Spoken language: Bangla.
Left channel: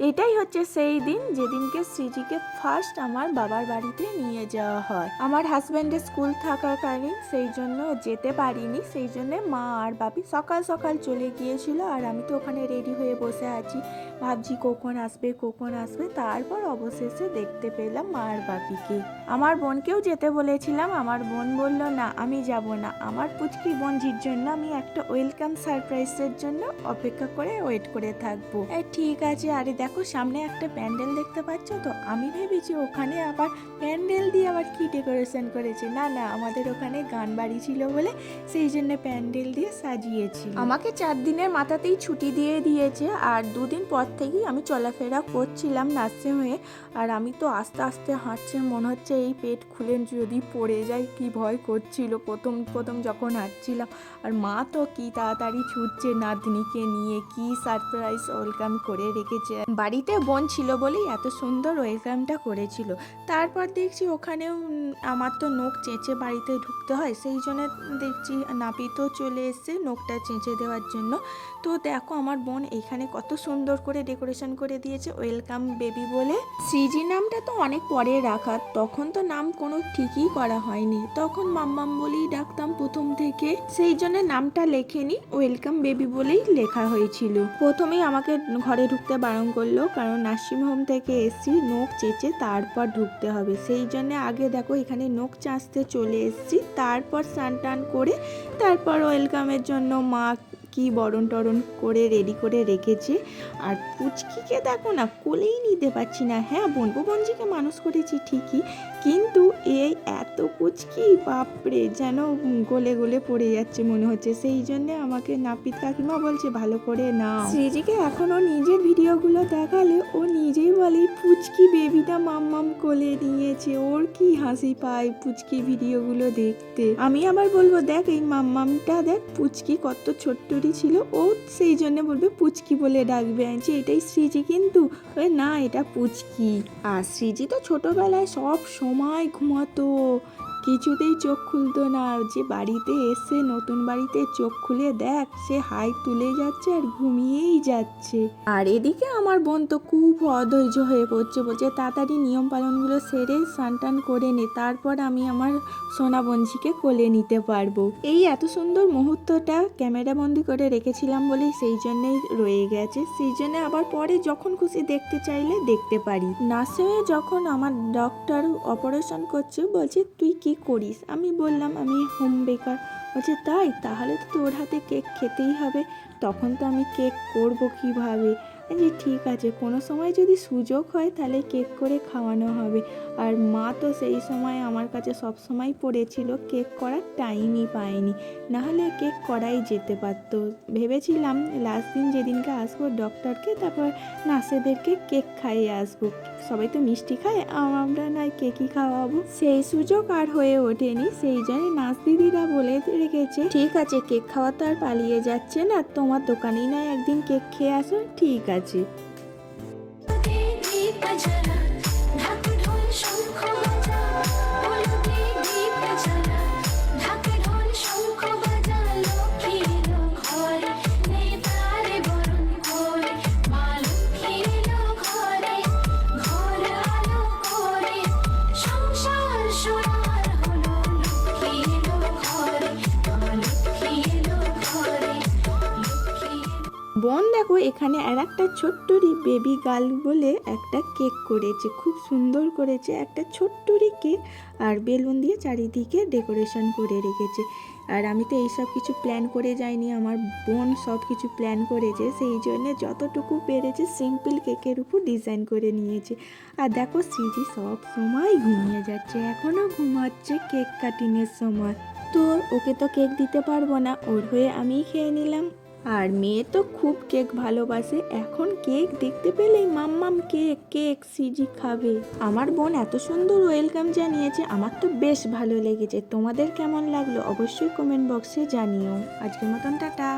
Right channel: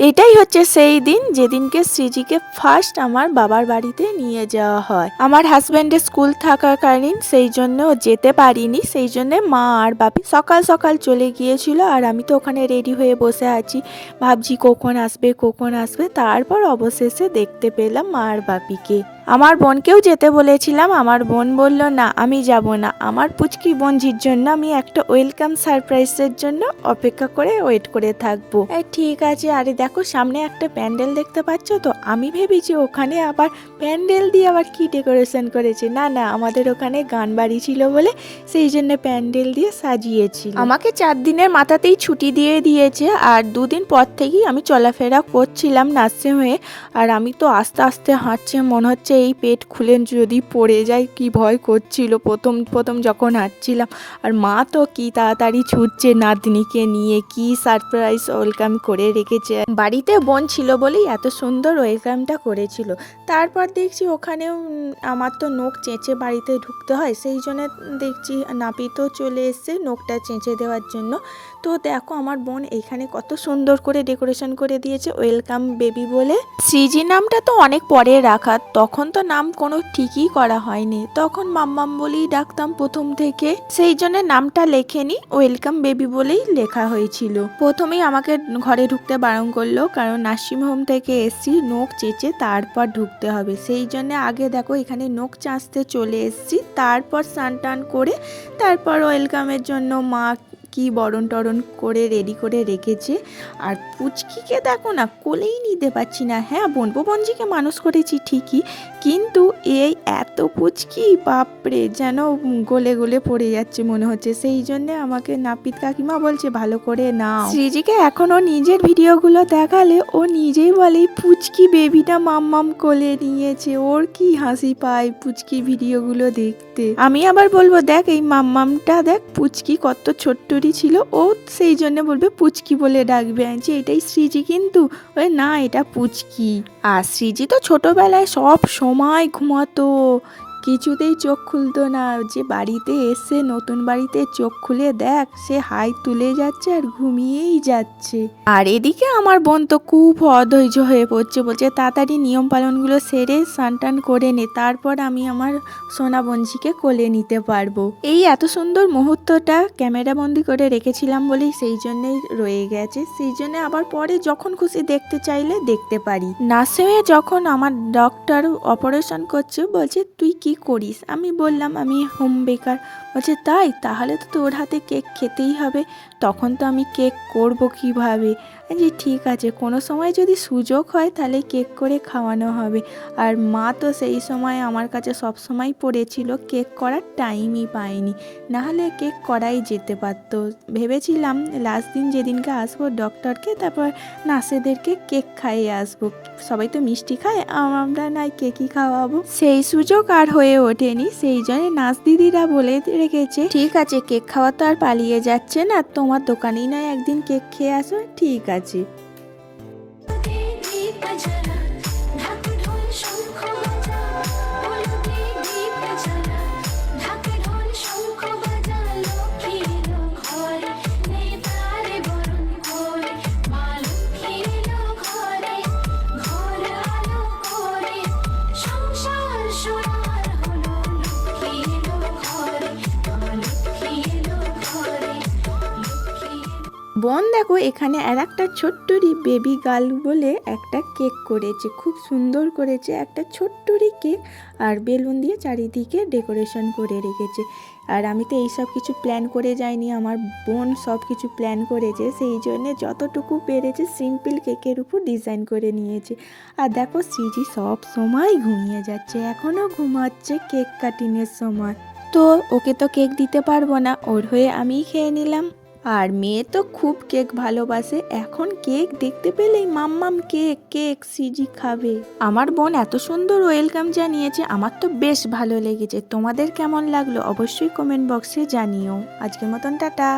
এটাই হচ্ছে সেই দিন যেদিনকে সৃজিকে ফার্স্ট আমার বাবার বাড়িতে নিয়ে যাওয়া হয়। আমার হাজব্যান্ডের স্কুল থাকাকালীন সেই জন্য যেতে পারিনি, সেই জন্য মা আর বাপি সকাল সকাল চলে গিয়েছিল আর আমি তো ওখানে রেডি হয়ে বসে আছি, ভাবছি কখন আসবে কখন আসবে। তারপর অবশেষে দেখতে পেলাম মা আর বাপিকে। আমার বোনকেও যেতে বলেছিলাম, আমার বোন বলল না আমি যাব না, আমার পুচকি বোনঝির জন্য আমি একটা ওয়েলকাম সারপ্রাইজের জন্য অপেক্ষা করে ওয়েট করে থাকবো। ঠিক আছে। আরে দেখো সামনে একটা প্যান্ডেল দেখতে পাচ্ছ তো, আমি ভেবেছি ওখানে আবার প্যান্ডেল দিয়ে আবার কি ডেকোরেশন করেছে। না না, আমাদের ওখানে গান বাড়ি ছিল বলে সেই জন্য প্যান্ডেল দিয়ে সাজিয়েছিল। আমাকে 4 দিনের মাথাতেই ছুটি দিয়ে দিয়েছে আর 2 দিন পর থেকেই আমি চলাফেরা করছিলাম নার্সিং হয়ে। আর আমি তো আস্তে আস্তে হাঁটছে, মনে হচ্ছে এই পেট খুলে যদি পড়ে যায়, কি ভয় করছিল প্রথম প্রথম যখন হাঁটছিলাম। আর মা তো কি তাড়াতাড়ি ছুটছে নাতনিকে নিয়ে, কি সারপ্রাইজ ওয়েলকাম করে রেখেছে। বাড়িতে বোন ছিল বলেই এত সুন্দর ওয়েলকামটা করেছিল। তারপর দেখছি ওখানেও আমার তো নখ চেঁচে বাড়িতে ঢুকতে হয়, সেই জন্য দেখছি নাপিতও চলে এসছে নখটা চেঁচে দেওয়ার জন্য। তো দেখো আমার বোন এখানে কত সুন্দর করে ডেকোরেশন করে দিয়েছে ওয়েলকাম বেবি বলে। সৃজি নামটা তো অনেক পরে রাখা, তখন তো নাম কোনো ঠিকই করা হয়নি, তখন মাম্মাম বলেই ডাকতাম প্রথম থেকে, সেই জন্য নামটা লেখেনি, ওয়েলকাম বেবি বলেই লেখা হয়েছিল। প্রথমেই আমাকে ঘরে ঢুকতে বারণ করলো, কারণ নার্সিং হোম থেকে এসছি, নখ চেঁচে তারপর ঢুকতে হবে। সেই জন্য আগে দেখো এখানে নখ চাঁচতে চলে এসছি, তারপর স্নান টান করে তারপর ওয়েলকামের জন্য মা কি বরণ টরণ করে রেডি করে রেখেছে। আর পুচকিকে দেখো না, কোলেই নিতে পারছি না। হ্যাঁ বোনপো বঞ্জিকে মানুষ করেছি ঠিকই, কিন্তু এই এত পুচকি বাপরে, যেন গলে গলে পড়ে যাচ্ছে মনে হচ্ছে। সেই জন্য আমাকে নাপিত কাকিমা বলছে ভালো করে নাও। সৃজিকে এখনও নিজের ভিডিওগুলো দেখালে ও নিজেই বলে পুচকি বেবিটা মাম্মাম কোলে নিয়েছে, ওর কি হাসি পায় পুচকি ভিডিওগুলো দেখতে। আমি আবার বলবো দেখ এই মাম্মামটা দেখ পুচকি কত ছোট্টরি ছিল, ও সেই জন্য বলবে পুচকি বলে ডাকবে, যে এটাই সৃজি, কিন্তু ওই না এটা পুচকি। আর সৃজি তো ছোটবেলায় সব সময় ঘুমাতো, কিছুতেই চোখ খুলতো না। যে বাড়িতে এসে নতুন বাড়িতে চোখ খুলে দেখ সে হাই তুলে যাচ্ছে আর ঘুমিয়েই যাচ্ছে। আর এদিকে আমার বোন তো খুব অধৈর্য হয়ে পড়ছে, বলছে তাড়াতাড়ি নিয়ম পালনগুলো সেরে স্নান টান করে নে, তারপর আমি আমার সোনা বঞ্জিকে কোলে নিতে পারবো। এই এত সুন্দর মুহূর্তটা ক্যামেরা বন্দি করে রেখেছিলাম বলেই সেই জন্যই রয়ে গেছে, সেই জন্য আবার পরে যখন খুশি দেখতে চাইলে দেখতে পারি। নার্সিংয়ে যখন আমার ডক্টর অপারেশন করছে বলছে তুই কি করিস, আমি বললাম আমি হোম বেকার। বলছে তাই, তাহলে তো তোর হাতে কেক খেতেই হবে। তখন তো আমি কেক করব কিভাবে, যে ঠিক আছে কোনো সময় যদি সুযোগ হয় তাহলে কেক করে খাওয়ানো হবে। আর মা তো সেই সময় আমার কাছে সব সময় পড়েছিল, কেক করার টাইমই পায়নি, নাহলে কেক করাই যেতে পারতো। ভেবেছিলাম লাস্ট দিন যেদিনকে আসবো ডক্টরকে, তারপর নার্সেদেরকে কেক খাইয়ে আসবো, সবাই তো মিষ্টি খায়, আমরা নয় কেকই খাওয়াবো। সেই সুযোগ আর হয়ে ওঠেনি, সেই জন্য নার্স দিদিরা বলে রেখেছে ঠিক আছে কেক খাওয়া তো আর পালিয়ে যাচ্ছে না, তোমার দোকানেই নয় একদিন কেক খেয়ে আসো। ঠিক আছে। বোন দেখো এখানে আর একটা ছোট্টরি বেবি গার্ল বলে একটা কেক করেছে, খুব সুন্দর করেছে, একটা ছোট্টরি কেক আর বেলুন দিয়ে চারিদিকে ডেকোরেশন করে রেখেছে। আর আমি তো এইসব কিছু প্ল্যান করে যাইনি, আমার বোন সব কিছু প্ল্যান করেছে, সেই জন্যে যতটুকু পেরেছে সিম্পল কেকের উপর ডিজাইন করে নিয়েছে। আর দেখো সৃজি সব সময় ঘুমিয়ে যাচ্ছে, এখনও ঘুমাচ্ছে কেক কাটিংয়ের সময়। তো ওকে তো কেক দিতে পারবো না, ওর হয়ে আমিই খেয়ে নিলাম। আর মেয়ে তো খুব কেক ভালোবাসে, এখন কেক দেখতে পেলেই মাম্মাম কেক কেক সৃজি খাবে। আমার বোন এত সুন্দর ওয়েলকাম জানিয়েছে, আমার তো বেশ ভালো লেগেছে। তোমাদের কেমন লাগলো অবশ্যই কমেন্ট বক্সে জানিও। আজকের মতন টাটা।